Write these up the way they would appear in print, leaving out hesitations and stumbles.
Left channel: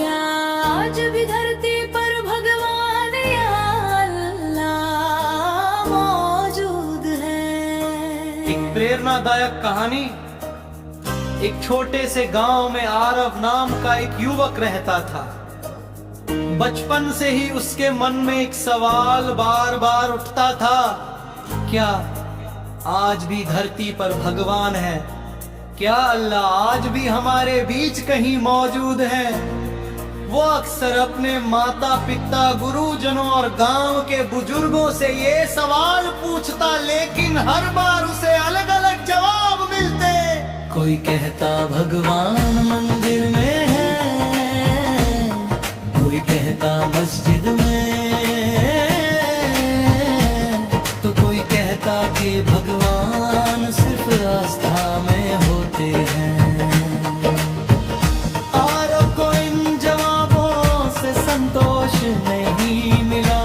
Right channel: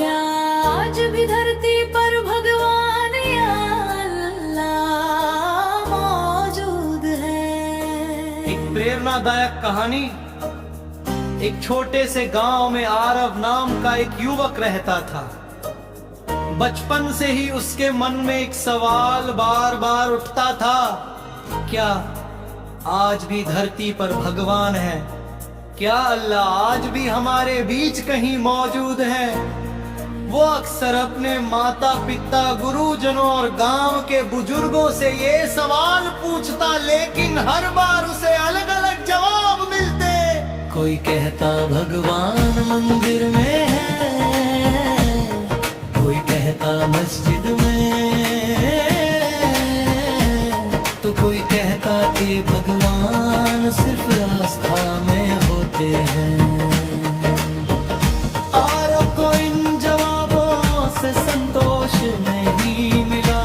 क्या आज भी धरती पर भगवान या अल्लाह मौजूद है? एक प्रेरणादायक कहानी। एक छोटे से गांव में आरव नाम का एक युवक रहता था। बचपन से ही उसके मन में एक सवाल बार बार उठता था, क्या आज भी धरती पर भगवान है? क्या अल्लाह आज भी हमारे बीच कहीं मौजूद है? वो अक्सर अपने माता पिता, गुरुजनों और गांव के बुजुर्गों से ये सवाल पूछता, लेकिन हर बार उसे अलग अलग जवाब मिलते। कोई कहता भगवान मंदिर में है, कोई कहता मस्जिद में, तो कोई कहता कि भगवान सिर्फ आस्था में होते हैं। आरव को इन जवाबों से संतोष नहीं मिला।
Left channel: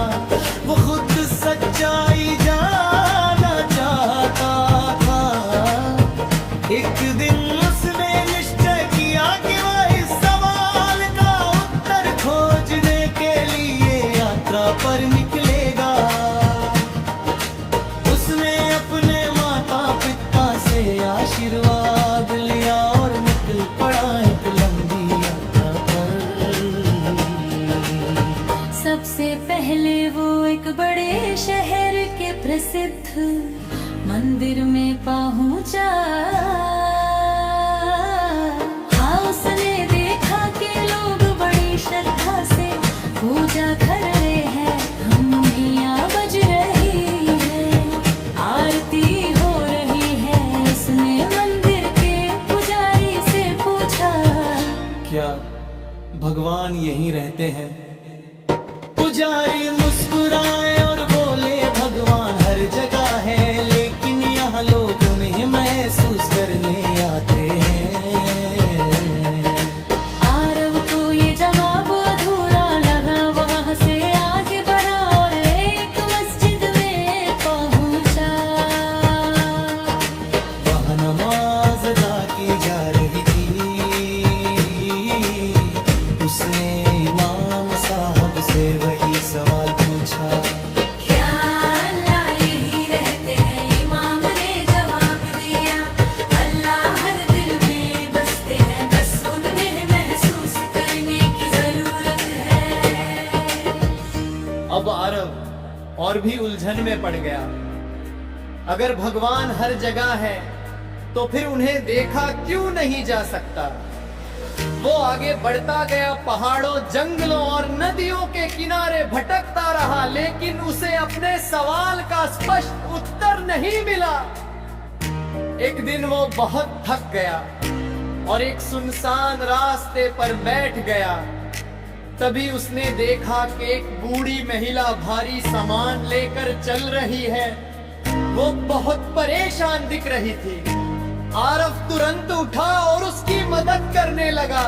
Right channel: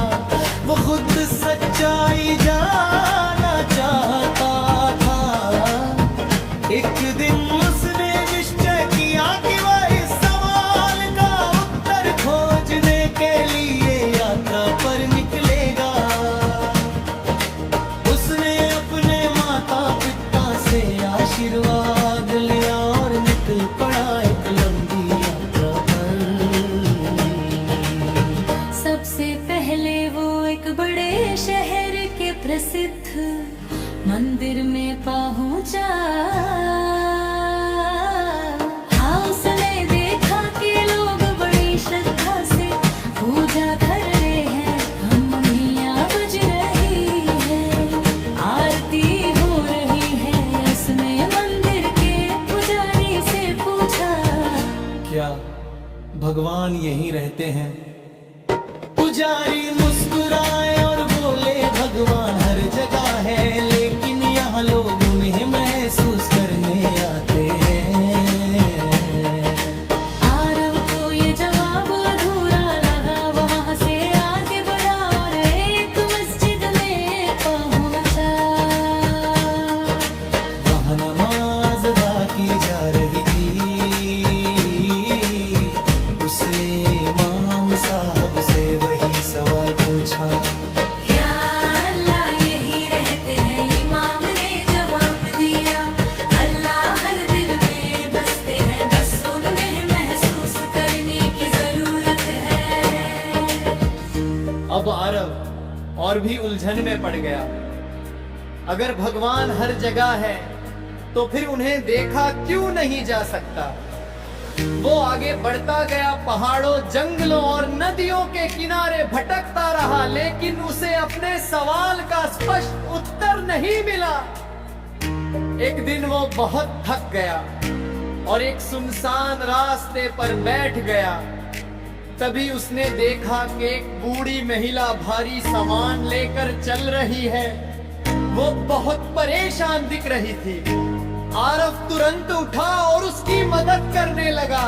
वो खुद सच्चाई जानना चाहता था। एक दिन उसने निश्चय किया कि वह इस सवाल का उत्तर खोजने के लिए यात्रा पर निकलेगा। उसने अपने माता पिता से आशीर्वाद लिया और निकल पड़ा एक लंबी यात्रा पर। सबसे पहले वो एक बड़े शहर के प्रसिद्ध मंदिर में पहुंचा। हाँ, उसने देखा कि लोग बड़ी श्रद्धा से पूजा कर रहे हैं, धुनियाँ बज रही है, आरती हो रही है। उसने मंदिर के पुजारी से पूछा, क्या भगवान यहीं रहते हैं? पुजारी मुस्कुराए और बोले, भगवान हर जगह है, लेकिन यहाँ लोग उन्हें महसूस करने आते हैं। आरव को ये जवाब अधूरा लगा। वो वहाँ से आगे बढ़ा और एक मस्जिद में पहुँचा। वहाँ नमाज अदा की जा रही थी। उसने इमाम साहब से वही सवाल पूछा, क्या अल्लाह यहीं रहते हैं? इमाम ने जवाब दिया, अल्लाह हर दिल में बसते हैं, बस उन्हें महसूस करने की जरूरत है। अब आरव और भी उलझन में पड़ गया। अगर भगवान हर जगह है तो फिर उन्हें देखा क्यों नहीं जा सकता? वो आगे बढ़ता गया, पहाड़ों, जंगलों और नदियों के किनारे भटकता रहा, लेकिन उसे अपने सवाल का स्पष्ट उत्तर नहीं मिला। एक दिन वो बहुत थक गया और एक सुनसान रास्ते पर बैठ गया। तभी उसने देखा कि एक बूढ़ी महिला भारी सामान लेकर चल रही है। वो बहुत परेशान दिख रही थी। आरव तुरंत उठा और उसकी मदद करने लगा।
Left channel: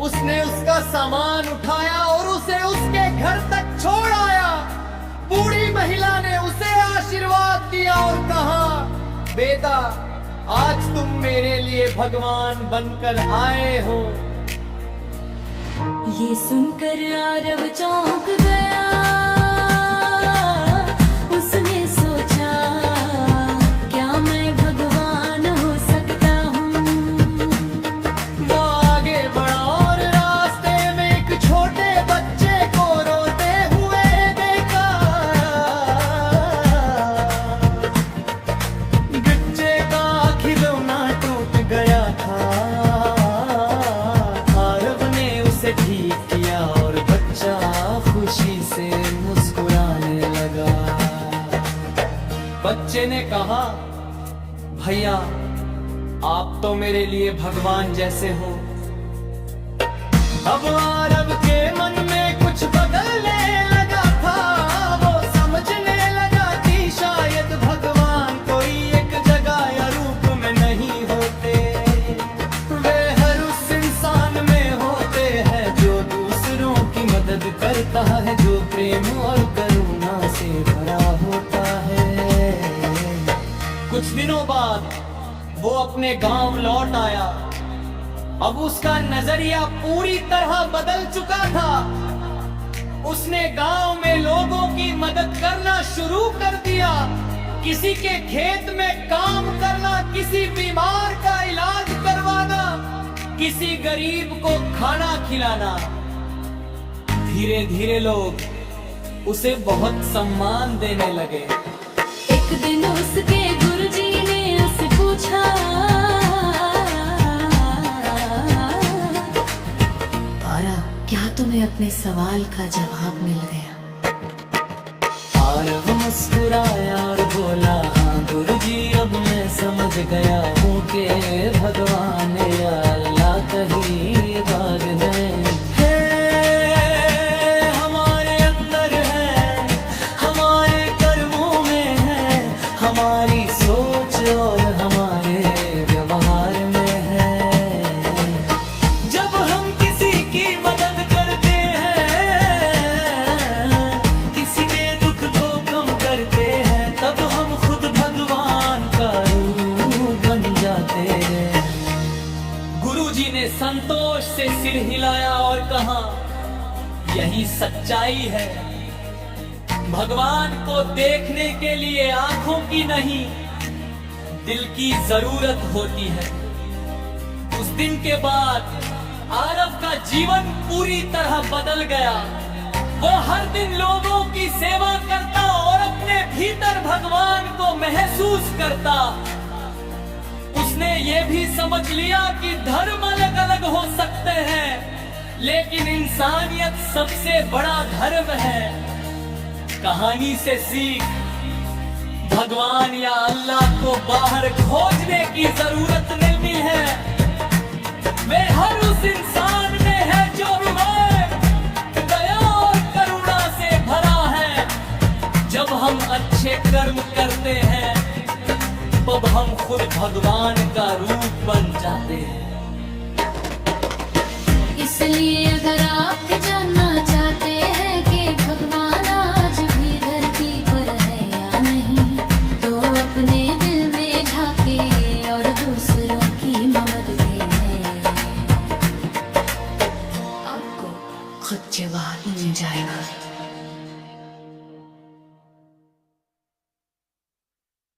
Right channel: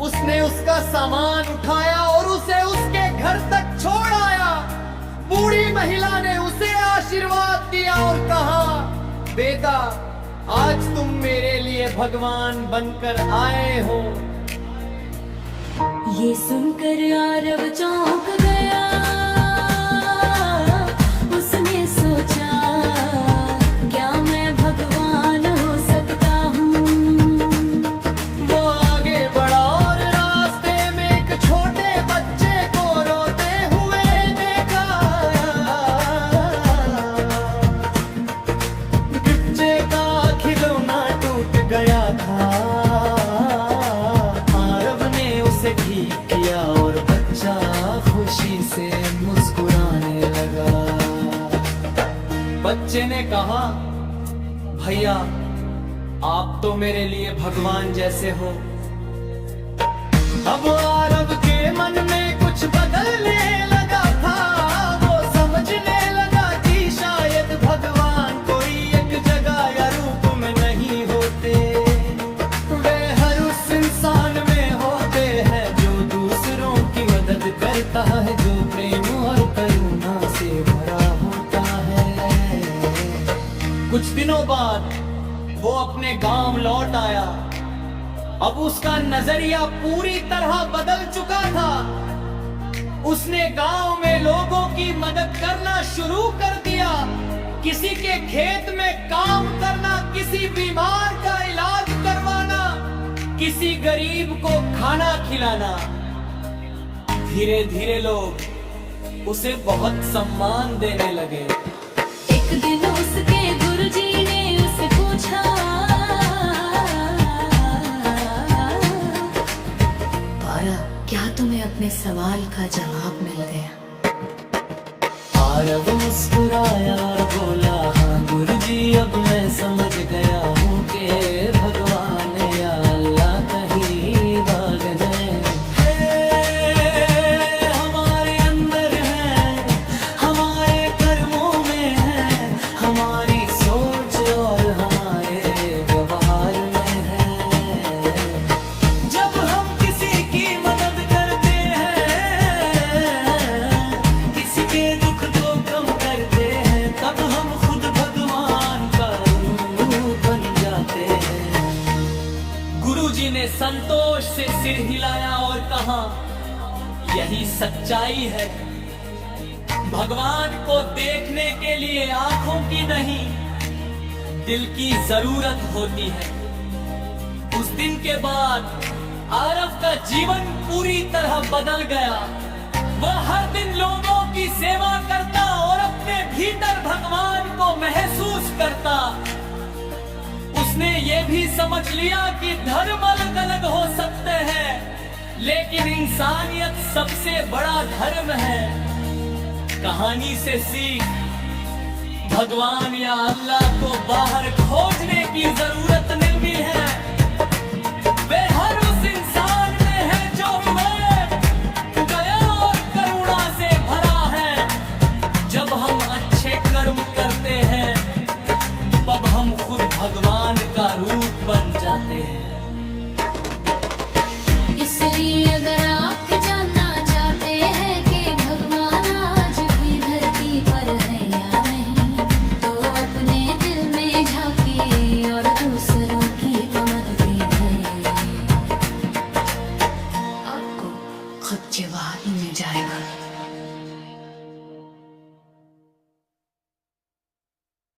उसने उसका सामान उठाया और उसे उसके घर तक छोड़ आया। बूढ़ी महिला ने उसे आशीर्वाद दिया और कहा, बेटा, आज तुम मेरे लिए भगवान बनकर आए हो। ये सुनकर आरव चौंक गया। उसने सोचा, क्या मैं भगवान हो सकता हूँ? वो आगे बढ़ा और रास्ते में एक छोटे बच्चे को रोते हुए देखा। बच्चे का खिलौना टूट गया था। आरव ने उसे ठीक किया और बच्चा खुशी से मुस्कुराने लगा। बच्चे ने कहा, भैया, आप तो मेरे लिए भगवान जैसे हो। अब आरव के मन में कुछ बदलने लगा था। वो समझने लगा कि शायद भगवान कोई एक जगह या रूप में नहीं होते। वे हर उस इंसान में होते हैं जो दूसरों की मदद करता है, जो प्रेम और करुणा से भरा होता है। कुछ दिनों बाद वो अपने गांव लौट आया। अब उसका नजरिया पूरी तरह बदल चुका था। उसने गांव में लोगों की मदद करना शुरू कर दिया। किसी के खेत में काम करना, किसी बीमार का इलाज करवाना, किसी गरीब को खाना खिलाना। धीरे धीरे लोग उसे बहुत सम्मान देने लगे। एक दिन उसके गुरुजी ने उससे पूछा, पारा, क्या तुम्हें अपने सवाल का जवाब मिल गया? आरव मुस्कुराया और बोला, हाँ गुरुजी, अब मैं समझ गया हूँ कि भगवान या अल्लाह कहीं भाग नहीं हमारे अंदर है, हमारे कर्मों में है, हमारी सोच और हमारे व्यवहार में है। जब हम किसी की मदद करते हैं, किसी के दुख को कम करते हैं, तब हम खुद भगवान का रूप बन जाते हैं। गुरुजी ने संतोष से सिर हिलाया और कहा, यही सच्चाई है। भगवान को देखने के लिए आंखों की नहीं, दिल की जरूरत होती है। उस दिन के बाद आरव का जीवन पूरी तरह बदल गया। वो हर दिन लोगों की सेवा करता और अपने भीतर भगवान को महसूस करता। उसने ये भी समझ लिया कि धर्म अलग अलग हो सकते हैं, लेकिन इंसानियत सबसे बड़ा धर्म है। कहानी से सीख, भगवान या अल्लाह को बाहर खोजने की जरूरत नहीं है। वे हर उस इंसान में है जो विवेक, दया और करुणा से भरा है। जब हम अच्छे कर्म करते हैं, तब हम खुद भगवान का रूप बन जाते हैं। इसलिए अगर आप जानना चाहते हैं कि भगवान आज भी धरती पर है या नहीं, तो अपने दिल में झांके और दूसरों की मदद करें। आपको खुद जवाब मिल जाएगा।